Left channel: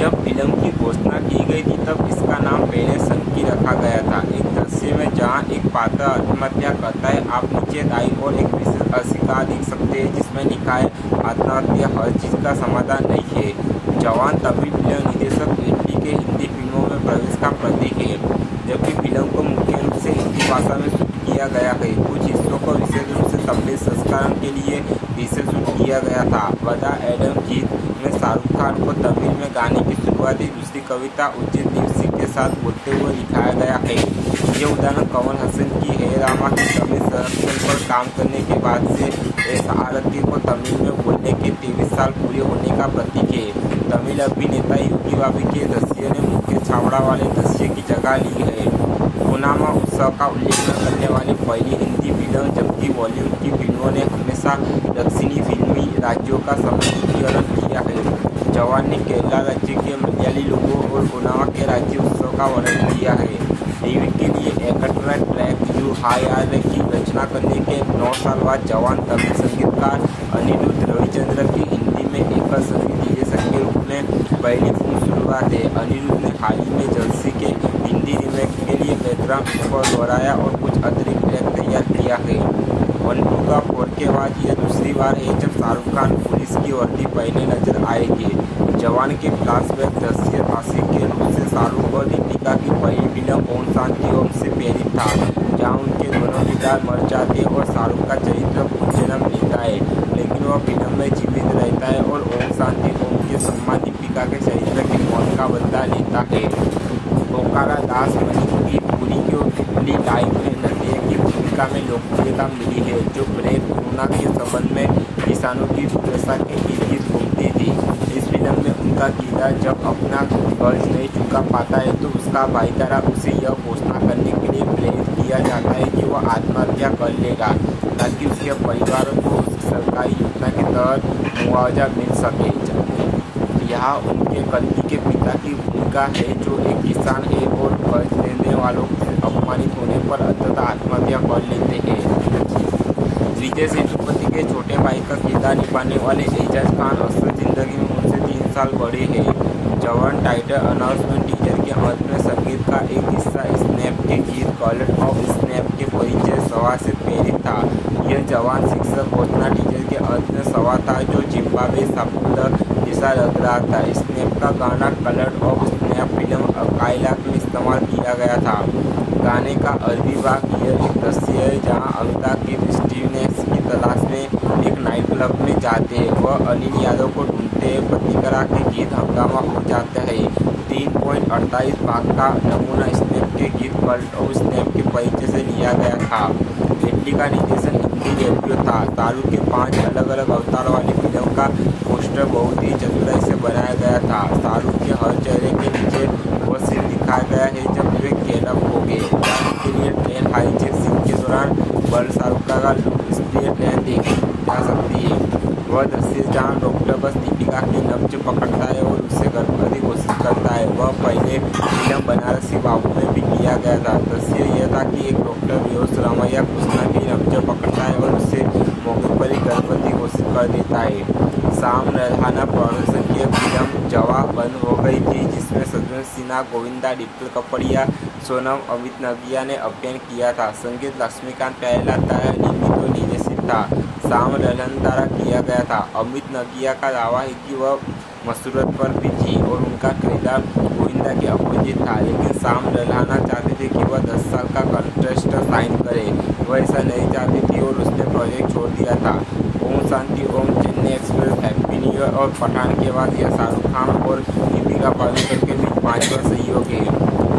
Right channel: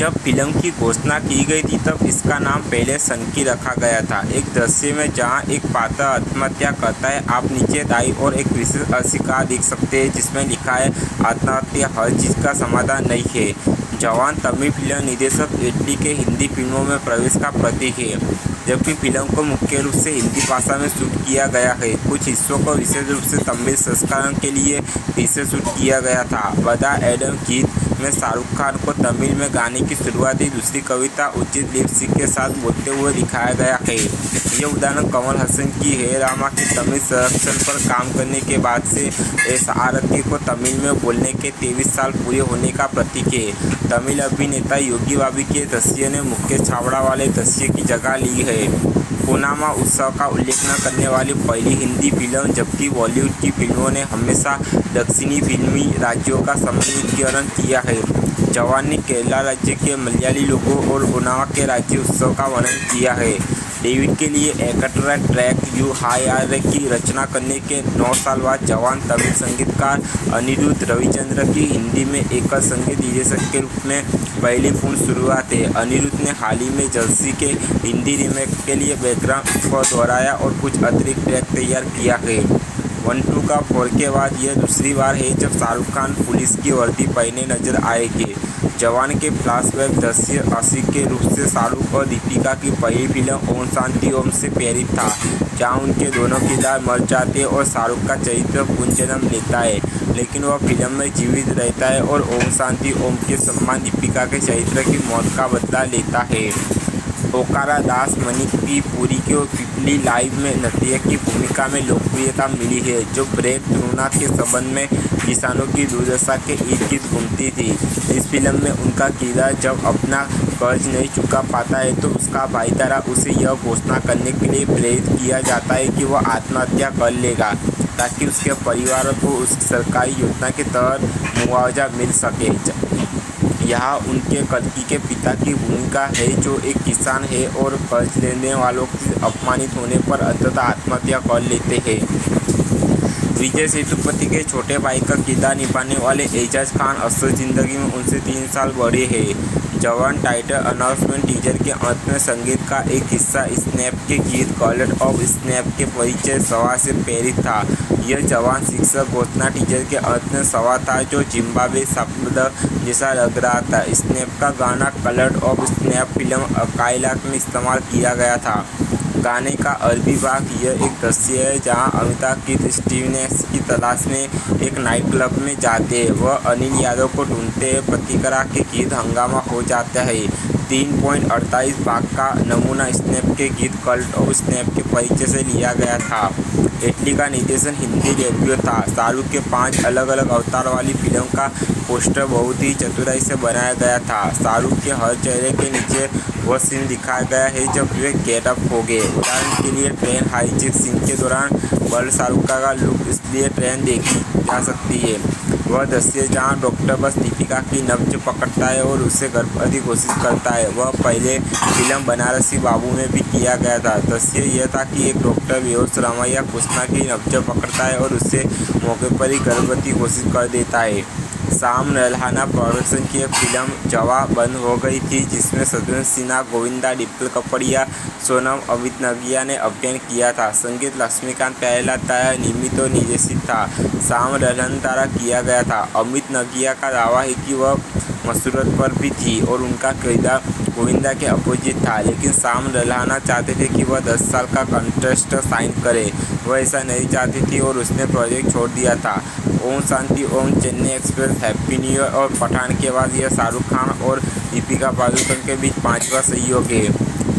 जब फिल्म की घोषणा की गई थी तब इसका नाम पहले संकी रखा गया था। एक दृश्य में जहां एक पात्र आत्महत्या करता है, आप नीचे दाईं ओर एक विशेष अस्वीकार देख सकते हैं जिसमें लिखा है आत्महत्या हर चीज़ का समाधान नहीं है। जवान तमिल फिल्म निर्देशक एटली के हिंदी फिल्मों में प्रवेश का प्रतीक है, जबकि फिल्म को मुख्य रूप से हिंदी भाषा में शूट किया गया है। कुछ हिस्सों को विशेष रूप से तमिल संस्करण के लिए फिर से शूट किया गया था। बदा एडम गीत में शाहरुख खान को तमिल में गाने की शुरुआती दूसरी कविता उचित लिप सिंक के साथ बोलते हुए दिखाया गया है। ये उदाहरण कमल हसन की हे रामा की तमिल संरक्षण पर काम करने के बाद से एस आरती को तमिल में बोलने के 23 साल पूरे होने का प्रतीक है। तमिल अभिनेता योगी बाबू के दृश्य ने मुख्य छावड़ा वाले दृश्य की जगह ली है। ओनामा उत्सव का उल्लेख न करने वाली पहली हिंदी फिल्म, जबकि बॉलीवुड की फिल्मों ने हमेशा दक्षिणी फिल्मी राज्यों का समुद्रीकरण किया है। जवान ने केरला राज्य के मलयाली लोगों और ओनामा के राज्य उत्सव का वर्णन किया है। डेविड के लिए एक्स्ट्रा ट्रैक यू हाई आर की रचना करने के 9 साल बाद जवान तमिल संगीतकार अनिरुद्ध रविचंद्र की हिंदी में एकल संगीत निर्देशक के रूप में पहली पूर्ण शुरुआत है। अनिरुद्ध ने हाल ही में जर्सी के हिंदी रीमेक के लिए बैकग्राउंड स्कोर दोहराया और कुछ अतिरिक्त ट्रैक तैयार किया है। 1, 2 का 4 के बाद यह दूसरी बार है जब शाहरुख खान पुलिस की वर्दी पहने नजर आएंगे। जवान के फ्लैशबैक दृश्य आशिक के रूप से शाहरुख और दीपिका की पहली फिल्म ओम शांति ओम से प्रेरित था, जहां उनके दोनों किरदार मर जाते हैं और शाहरुख का चरित्र पुनर्जन्म लेता है, लेकिन वह फिल्म में जीवित रहता है और ओम शांति ओम के सम्मान दीपिका के चरित्र की मौत का बदला लेता है। ओकारा दास मणिपुरी पुरी को पिपली लाइव में नृत्य की भूमिका में लोकप्रियता मिली है, जो ब्रेक थ्रूना के संबंध में किसानों की दुर्दशा के इर्द-गिर्द घूमती थी। इस फिल्म में उनका किरदार जब अपना कर्ज नहीं चुका पाता है तो उसका भाईचारा उसे यह घोषणा करने के लिए प्रेरित किया जाता है कि वह आत्महत्या कर लेगा ताकि उसके परिवार को उस सरकारी योजना के तहत मुआवजा मिल सके। यहाँ उनके कल्कि के पिता की भूमिका है, जो एक किसान है और कर्ज लेने वालों से अपमानित होने पर अंततः आत्महत्या कर लेते हैं। विजय सेतुपति के छोटे भाई का किरदार निभाने वाले एजाज खान असल जिंदगी में उनसे 3 साल बड़े हैं। जवान टाइटल अनाउंसमेंट टीजर के अंत में संगीत का एक हिस्सा स्नैप के गीत कॉलर ऑफ स्नैप के परिचय सभा से प्रेरित था। यह जवान शिक्षक घोषणा टीजर के अंत में सभा था, जो जिम्बाब्वे शब्द जैसा लग रहा था। स्नैप का गाना कलर ऑफ स्नैप फिल्म कायलात में इस्तेमाल किया गया था। गाने का अरबी भाग यह एक दृश्य है जहां अमिताभ की स्टीवनेस की तलाश में एक नाइट क्लब में जाते हैं। वह अनिल यादव को ढूंढते हैं। प्रतिक्रिया के गीत हंगामा हो जाता है। 3.48 भाग का नमूना स्नैप के गीत कल्ट ऑफ स्नैप के परिचय से लिया गया था। एटली का निर्देशन हिंदी डेब्यू था। शाहरुख के 5 अलग अलग अवतार वाली फिल्म का पोस्टर बहुत ही चतुराई से बनाया गया था। शाहरुख के हर चेहरे के नीचे वह सीन दिखाया गया है जब वे गेटअप हो गए। उदाहरण के लिए ट्रेन हाईजैक सीन के दौरान बल शाहरुख का लुक, इसलिए ट्रेन देखी जा सकती है। वह दृश्य जहां डॉक्टर बस दीपिका की नब्ज पकड़ता है और उसे गर्भवती घोषित करता है, वह पहले फिल्म बनारसी बाबू में भी किया गया था। दृश्य यह था कि एक डॉक्टर बेहोश रमैया कृष्णा की नब्ज पकड़ता है और उसे मौके पर ही गर्भवती घोषित कर देता है। शाम रल्हाना प्रोडक्शन की फिल्म जवाब बंद हो गई थी, जिसमें शत्रुघ्न सिन्हा, गोविंदा, डिम्पल कपड़िया, सोनम, अमित नगिया ने अभिनय किया था। संगीत लक्ष्मीकांत प्यारेलाल निर्मित और निर्देशित था। शाम रल्हाना द्वारा किया गया था। अमित नगिया का दावा है कि वह मसूरत पर भी थी और उनका किरदार गोविंदा के अपोजिट था, लेकिन शाम रल्हाना चाहते थे कि वह 10 साल का कॉन्ट्रैक्ट साइन करे। वह ऐसा नहीं चाहती थी और उसने प्रोजेक्ट छोड़ दिया था। Om Shanti Om, Chennai Express, Happy New Year और पठान के बाद यह शाहरुख खान और दीपिका पादुकोण के बीच 5वां सहयोग है।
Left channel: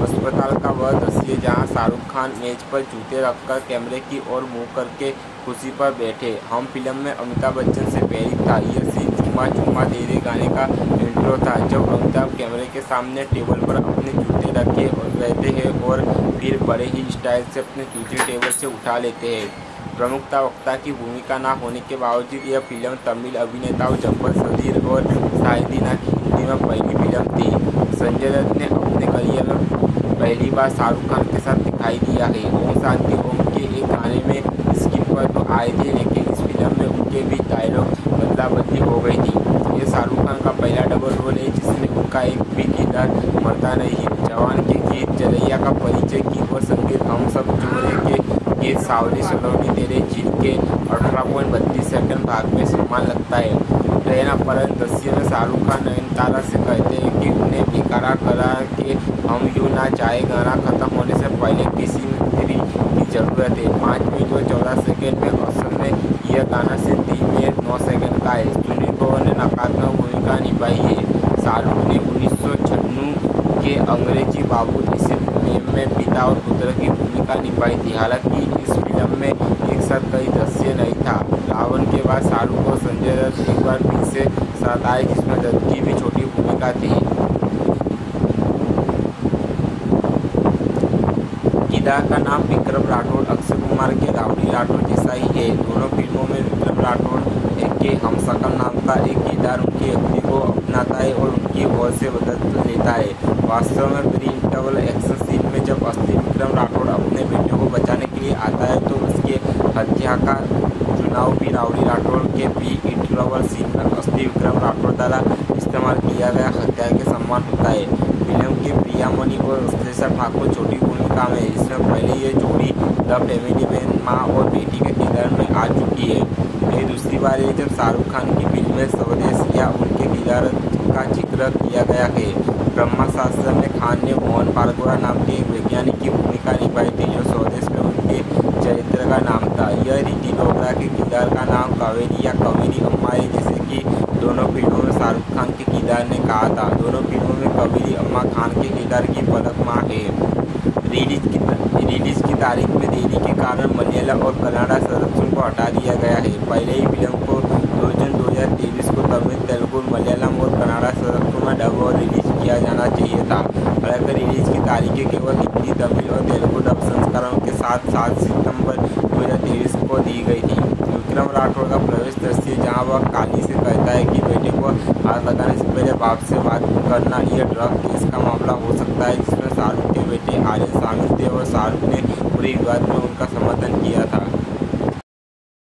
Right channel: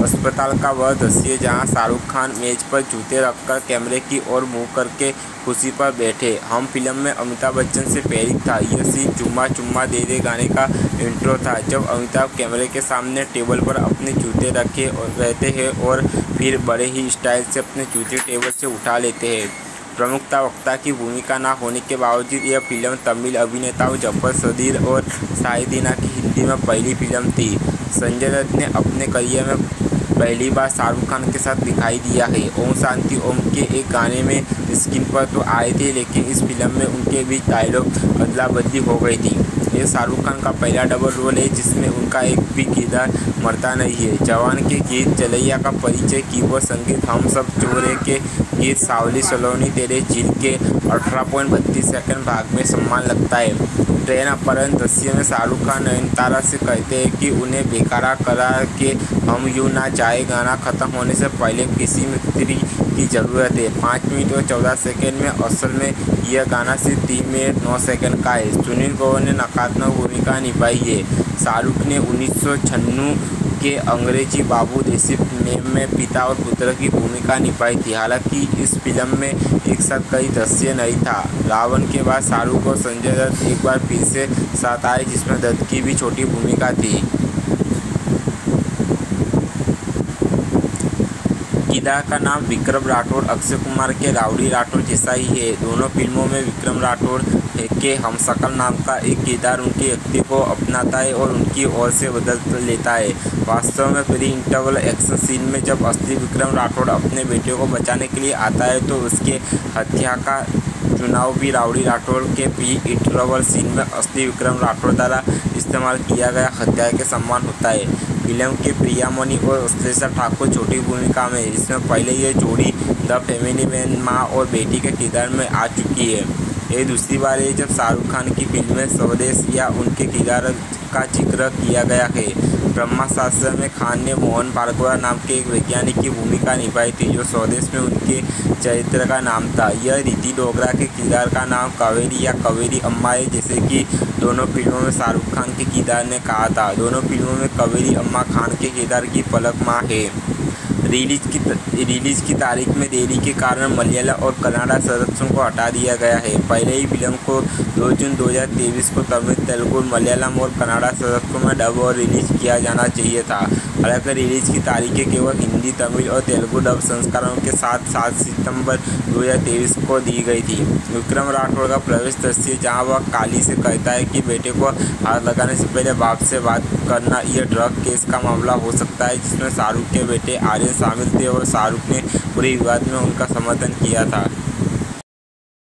अस्पताल का वह दृश्य जहां शाहरुख खान मेज पर जूते रखकर कैमरे की ओर मुंह करके कुर्सी पर बैठे। हम फिल्म में अमिताभ बच्चन से प्रेरित था। यह सीन चुम्मा चुम्मा दे दे गाने का इंट्रो था, जब अमिताभ कैमरे के सामने टेबल पर अपने जूते रखे रहते हैं और फिर बड़े ही स्टाइल से अपने जूते टेबल से उठा लेते हैं। प्रमुखता वक्ता की भूमिका न होने के बावजूद यह फिल्म तमिल अभिनेताओं जफर सदीर और शाहिदीना की हिंदी में पहली फिल्म थी। संजय दत्त ने अपने करियर में पहली बार शाहरुख खान के साथ दिखाई दिया है। ओम शांति ओम के एक गाने में स्क्रीन पर तो आए थे, लेकिन इस फिल्म में उनके बीच डायलॉग बदला बदली हो गई थी। ये शाहरुख खान का पहला डबल रोल है जिसमें उनका एक भी किरदार मरता नहीं है। जवान के गीत जलैया का परिचय, कीबोर्ड संगीत हम सब चोरे के गीत, सावली सलोनी तेरे झील के 18.32 सेकंड भाग में सम्मान लगता है। ट्रेन अपहरण दृश्य में शाहरुख खान नयनतारा से कहते हैं कि उन्हें बेकारा करा के हम यूँ ना चाहे गाना खत्म होने से पहले किसी मिस्त्री की ज़रूरत है। 5 मिनट और 14 सेकंड में। असल में यह गाना सिर्फ 3 मिनट 9 सेकंड का है। सुनील ग्रोवर ने नकारात्मक भूमिका निभाई है। शाहरुख ने 1996 के अंग्रेजी बाबू देसी फिल्म में पिता और पुत्र की भूमिका निभाई थी। हालांकि इस फिल्म में एक साथ कई दृश्य नहीं था। रावण के बाद शाहरुख और संजय दत्त एक बार फिर से साथ आए जिसमें दत्त की भी छोटी भूमिका थी। किरदार का नाम विक्रम राठौड़ अक्षय कुमार के राउडी राठौड़ जैसा ही है। दोनों फिल्मों में विक्रम राठौड़ के हमशक्ल नाम का एक किरदार उनके व्यक्ति को अपनाता है और उनकी ओर से बदल लेता है। वास्तव में प्री इंटरवल एक्शन सीन में जब असली विक्रम राठौड़ अपने बेटे को बचाने के लिए आता है तो उसके हत्या का चुनाव भी राउडी राठौड़ के प्री इंटरवल सीन में असली विक्रम राठौड़ द्वारा इस्तेमाल किया गया हथियार के समान होता है। फिल्म के प्रियामणि और श्लेषा ठाकुर छोटी भूमिका में, इसमें पहले ये जोड़ी द फैमिली मैन माँ और बेटी के किरदार में आ चुकी है। ये दूसरी बार है जब शाहरुख खान की फिल्म में स्वदेश या उनके किरदार का जिक्र किया गया है। ब्रह्मास्त्र में खान ने मोहन भार्गव नाम के एक वैज्ञानिक की भूमिका निभाई थी जो स्वदेश में उनके चरित्र का नाम था। यह रिद्धि डोगरा के किरदार का नाम कावेरी या कवेरी अम्मा है, जैसे कि दोनों फिल्मों में शाहरुख खान के किरदार ने कहा था। दोनों फिल्मों में कवेरी अम्मा खान के किरदार की पलक माँ है। रिलीज की तारीख में देरी के कारण मलयालम और कन्नड़ा संरक्षण को हटा दिया गया है। पहले ही फिल्म को 2 जून 2023 को तमिल, तेलुगु, मलयालम और कन्नड़ा संरक्षण में डब और रिलीज किया जाना चाहिए था। हालांकि रिलीज की तारीखें केवल हिंदी, तमिल और तेलुगु डब संस्करणों के साथ 7 सितंबर 2023 को दी गई थी। विक्रम राठौड़ का प्रवेश दृश्य जहां वह काली से कहता है कि बेटे को हाथ लगाने से पहले बाप से बात करना, यह ड्रग केस का मामला हो सकता है जिसमें शाहरुख के बेटे आर्यन शामिल थे और शाहरुख ने पूरे विवाद में उनका समर्थन किया था।